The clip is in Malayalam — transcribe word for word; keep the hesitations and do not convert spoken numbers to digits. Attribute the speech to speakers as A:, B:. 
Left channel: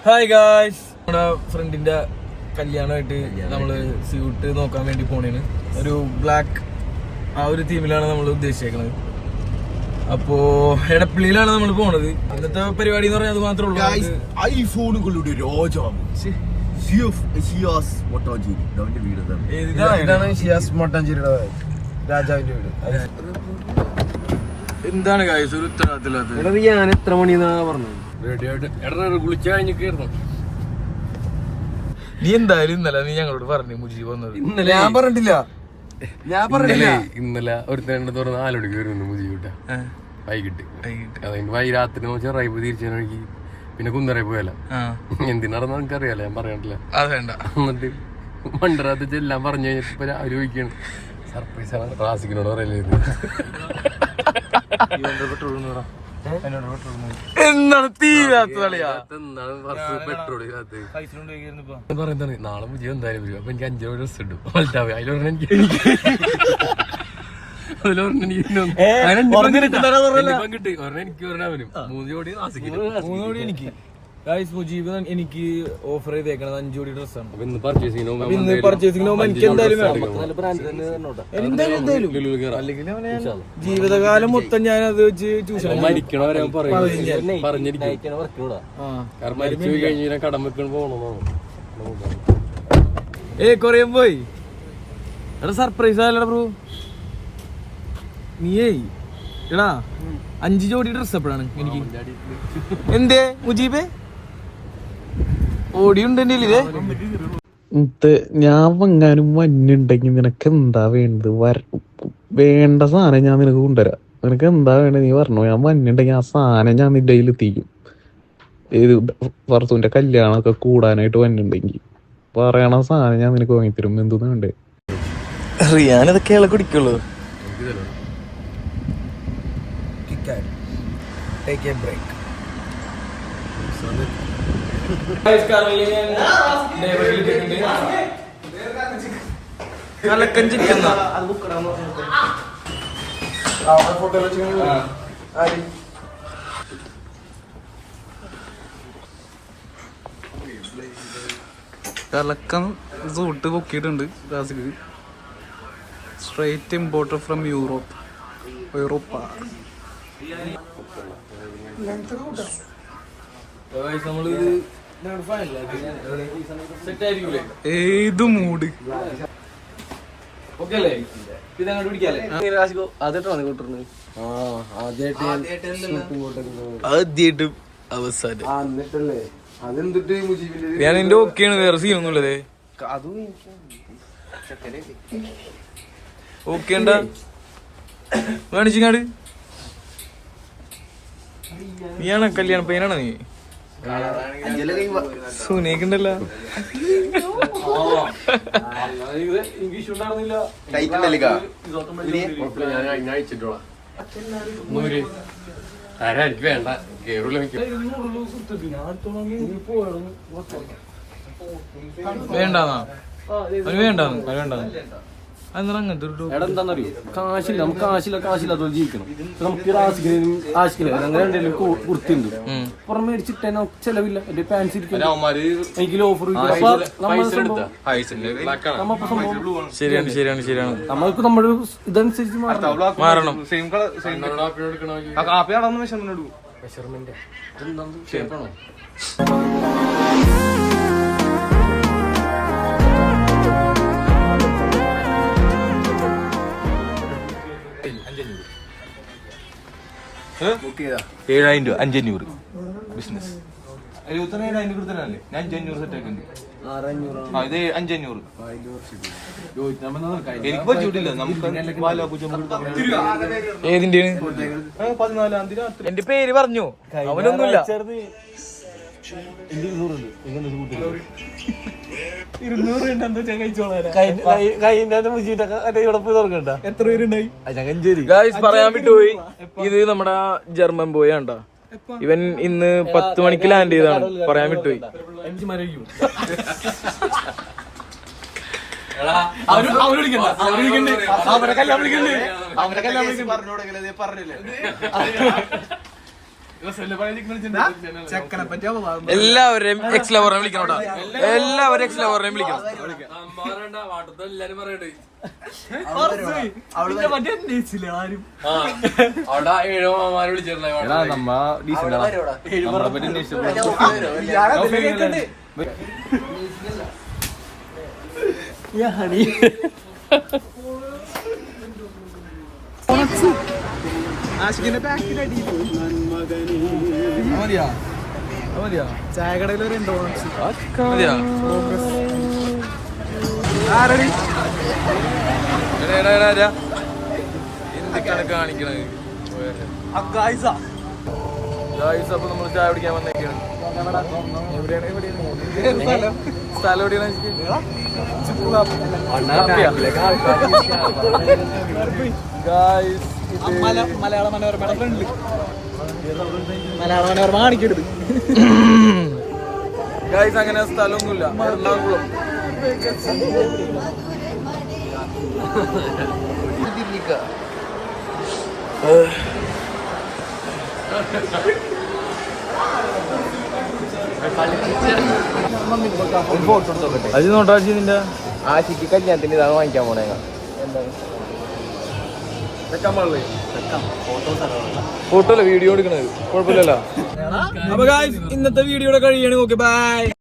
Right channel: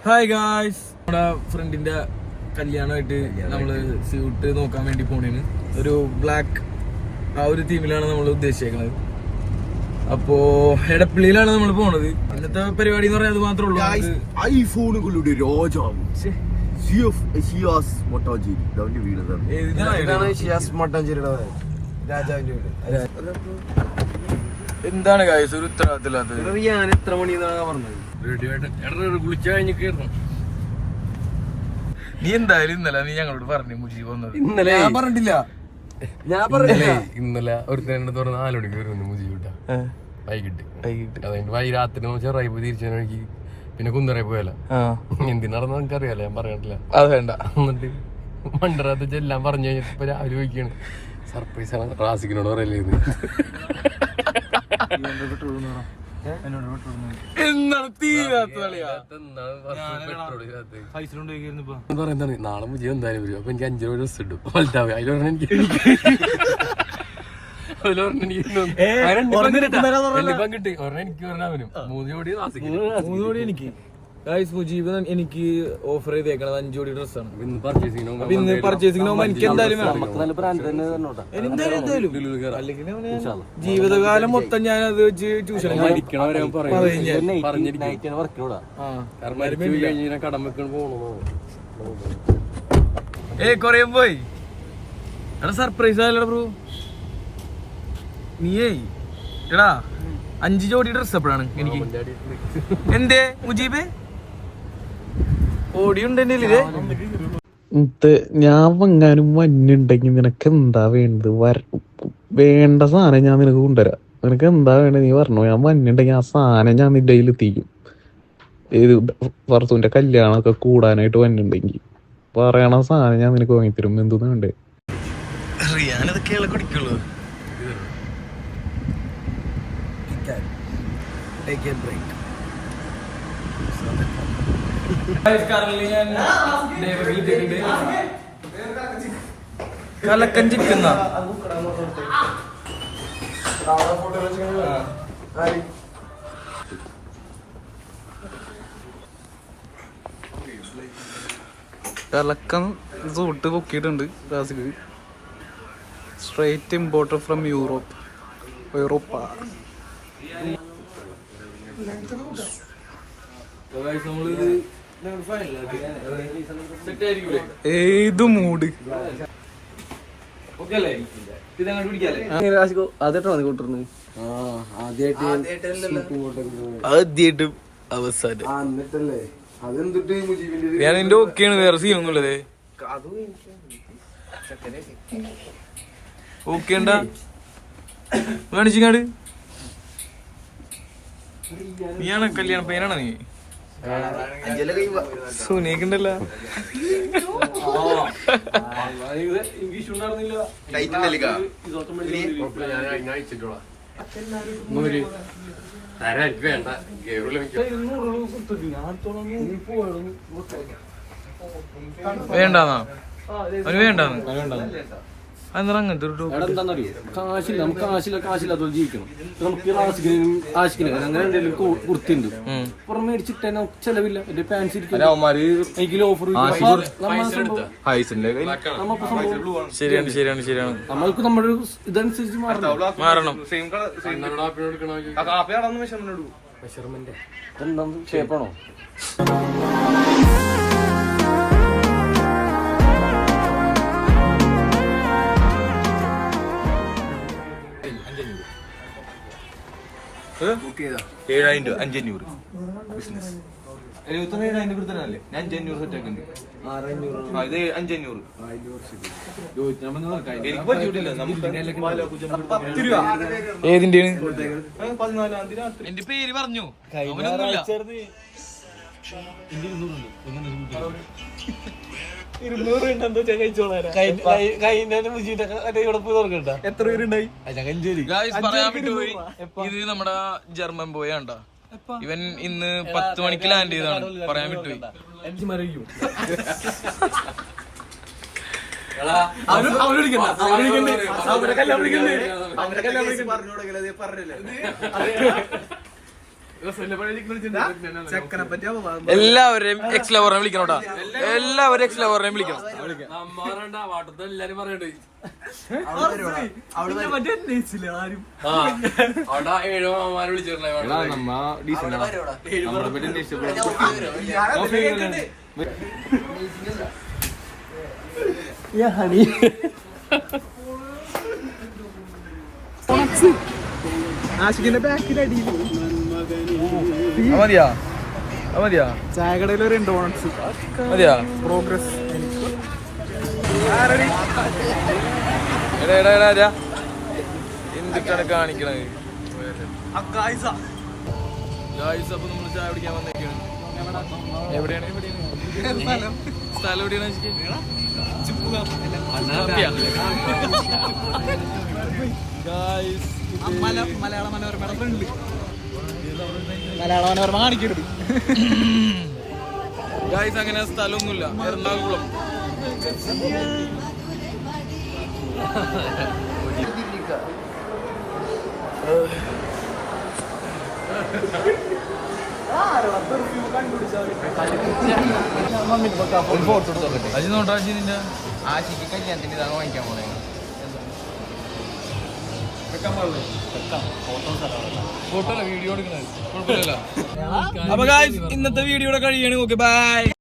A: ഹായ് ഗായ്സ്, നമ്മുടെ ഫ്രണ്ടിന്റെ കല്യാണമായിട്ട് നമ്മള് സ്യൂട്ട് നോക്കാൻ വേണ്ടി പോണേന്. ഒരു ബ്ലാക്ക് ആ ഒരു തീമിലാണ് നമ്മൾ ഉദ്ദേശിച്ചേക്കുന്നത്. അപ്പോ എടപ്പള്ളിയിലാണ് നമ്മൾ പോണത്. ഇന്നത്തെ പരിപാടി എന്ന് പറഞ്ഞാൽ അത് മാത്രമേ ഉള്ളൂ.
B: ഐഫോണുകളുടെ രാജാവ്
C: രാജാവിന്റെ വീട്.
A: എന്താണ് ഗായ്സ് ഒരു ഉത്തരവാദിത്തമില്ലാത്തത്?
C: ഞാൻ എത്ര മണിന്നാ പറഞ്ഞത്?
B: കുളിച്ച കഴിഞ്ഞിരുന്നു.
A: നീ എന്തായാലും ഇന്നലെ നീ ഞങ്ങളോട് പറഞ്ഞു മുജീബ് വന്നത്.
C: ഞാൻ പറഞ്ഞിട്ടില്ല. ഞാൻ പറഞ്ഞില്ല.
B: ഇന്നലെ ഒരു തുറന്ന് നാല് മണിക്ക് വരുന്നു മുജീബ് വൈകിട്ട് വൈകിട്ട് അതുകൊണ്ട് വൈ രാത്രി ചെറായി പോയി തിരിച്ചു വഴിക്ക് പിന്നെ കുന്നറായി പോയല്ല. എന്തിനാണെന്ന് നമുക്ക് അറിയാലോ, ഞാൻ പറയാനില്ല.
A: അതേണ്ട.
B: എന്നിട്ട് മണ്ടറാത്ത എല്ലാം പറഞ്ഞു കഴിഞ്ഞിട്ട് ഇപ്പൊ രാവിലെ ചോദിക്കാണ് സർപ്രൈസ് ആണ് റാസിക്കിനോട് പറയല്ലേ.
A: എന്താണ് തീരാത്ത
B: പറയുന്നത്? നാളെ മുജീബ് എന്തായാലും വരും. അപ്പൊ എനിക്ക് അഞ്ചു ഡ്രസ് ഇട്ടു വലുതാവേ. അതിൽ പറഞ്ഞ എനിക്ക് കിട്ടി പറഞ്ഞ എനിക്ക് പറഞ്ഞ അവനും മൂന്ന് ജോഡി റാസിക്കിന്
A: മൂന്ന് ജോഡി എനിക്ക്. ഗായ്സ് മുജീബ് എനിക്ക് ഓഫർ ചെയ്തേക്കണത് അഞ്ചു ജോഡി ഡ്രസ്സാണ്.
B: ഇന്ന് പർച്ചേസിംഗ്
A: അപ്പൊ ഇന്ന് പർച്ചേസിംഗ് പോകുമ്പോ എനിക്ക് എന്തായാലും വേണം. എന്തായാലും എന്തായാലും അല്ലെങ്കിൽ ജീവിതകാലം മൊത്തം ഞാൻ അത് വെച്ച് ട്യൂഷൻ ഏ കൊറേ പോയി. എടാ സർപ്രൈസ് ആയല്ലോടാ ബ്രോ. നീയേ എടാ അഞ്ചു ജോഡി ഡ്രസ് എപ്പോഴാണ് എനിക്ക്? എന്തേ മുജീബേ ഓടിയുണ്ട്
D: ഞാൻ വങ്ങാനും മഞ്ഞുണ്ടെങ്കിൽ നിനക്ക് എന്താ വേണ്ടത്? വര വേണ്ട സാധനം ഞാൻ നിനക്ക് കൊണ്ടുവരാം. നിനക്ക് എന്താ വേണ്ടത് നീ പറഞ്ഞോ. ഞാൻ മഞ്ഞുണ്ടെങ്കിൽ ആ സാധനം ഞാൻ നിന്റെ കയ്യിൽ എത്തിക്കും. ഇത് ഫർസൂന്റെ കല്യാണമൊക്കെ കൂടാനായിട്ട് മഞ്ഞുണ്ടെങ്കിൽ പറയണ സാധനം ഞാൻ നിനക്ക് വാങ്ങിത്തരും. എന്തോന്ന് വേണ്ടേ?
A: ഞാനിതൊക്കെയുള്ള കുടിക്കുള്ളൂ. കലക്കൻ ചിക്കുന്ന കലക്കൻ സൂട്ട് പൊക്കിയിട്ടുണ്ട്. Classic straight importer from Europe. യൂറോപ്പ ഏത് മൂഡ് ആദ്യായിട്ട് അവസാനം ഞാൻ എന്റെ ഓക്കെയാണ്. വേറെ സീനൊന്നുമില്ലതേ. ഓക്കെ ഉണ്ടാ കാണിച്ചിങ്ങാട്. നീയാണ് കല്യാണ പയ്യനാണ് നീ? സുനീക്കുണ്ടല്ലോ. വേണ്ടാന്നാ അത് വേണ്ടാന്ന് വേണ്ടാന്ന് അങ്ങനത്തെ ഒരു
C: എന്താണെന്നറിയോ? കാശില്ല, നമുക്ക് കാശില്ല കാശില്ല അതുപോലെ ജീവിക്കണം. നമുക്ക് ആശിക്കിനും ആശിക്കില്ല അങ്ങനെ എന്തെങ്കിലും കൊടുത്തുണ്ട് പുറം മേടിച്ചിട്ട് നമുക്ക് ചെലവില്ല. എന്റെ പാൻസ് ഇരിക്കുന്നു, എനിക്ക് ഓഫർ.
A: ശരിയാണ് ശരിയാണ് ശരിയാണ്.
C: നമ്മൾക്ക് നമ്മുടെ ഇതനുസരിച്ച് മാറണം
A: മാറണം
C: എന്താണ് ഷേപ്പാണോ?
A: ഏഴായിരം രൂപ അഞ്ചഞ്ഞൂറ് ബിസിനസ് എഴുപത്തൊന്ന് ഏഴായിരം കൊടുത്തല്ലേ? ഞാൻ അഞ്ചഞ്ഞൂറ് സെറ്റ് ആക്കുന്നുണ്ട്. ഇത് അഞ്ചഞ്ഞൂറ് ഏതിന്റെ? എന്റെ പേര് പറഞ്ഞു അവനൊന്നുമില്ല. എത്ര പേരുണ്ടായി പറയാൻ വിട്ടുപോയി. ഇത് നമ്മുടെ ജർമ്മൻ ബോയ് ആണ്ടാ. ഇവൻ ഇന്ന് പത്ത് മണിക്ക് ലാൻഡ് ചെയ്താണ്. പറയാൻ വിട്ടുപോയി. എല്ലാവരെയും എക്സ് ലവറിനെ വിളിക്കണം കേട്ടോ. എല്ലാവരും എക്സ് ലവറിനെയും വിളിക്കണം.
B: എല്ലാരും പറയണ്ടേ
C: എടാ നമ്മ ഡീസലാ നമ്മളെ പറ്റി
A: മതിയാ മതിയാ
D: ചായക്കടയിൽ ഒരു ഡോണറ്റ്സ്
A: മതിയാ. എടാ എടാ എടാ എടാ എന്തൊക്കെയാണ് കാണിക്കണത് ഗായ്സ്? അപ്പൊ നമ്മൾ ചായ കുടിക്കാൻ വന്നേക്കാണ്. എവിടെയാണ് എവിടെയാണ് സ്ഥലം എവിടെയാണ്? ഗായ്സ്
D: മലയാള മനോരമയുടെ ഫ്രണ്ടില് മലയാള മനോരമ കാണിക്കരുത്.
A: ഗായ്സ് അങ്ങനെ സ്ഥലമൊന്നുമില്ല. എറണാകുളം. അജി നോട്ടോ അജി നിന്റെ
B: ആശിക്ക് കല്യാണത്തിന് ഇതാണ് വാങ്ങിക്കാൻ പോണേ.
A: ഫോട്ടോ അല്ല വീഡിയോ എടുക്കണത്. കുഴപ്പമില്ലല്ലോ. അപ്പൊ ഗായ്സ് ഇന്നത്തെ വീഡിയോയുടെ കഴിയാണ്. Okay bye.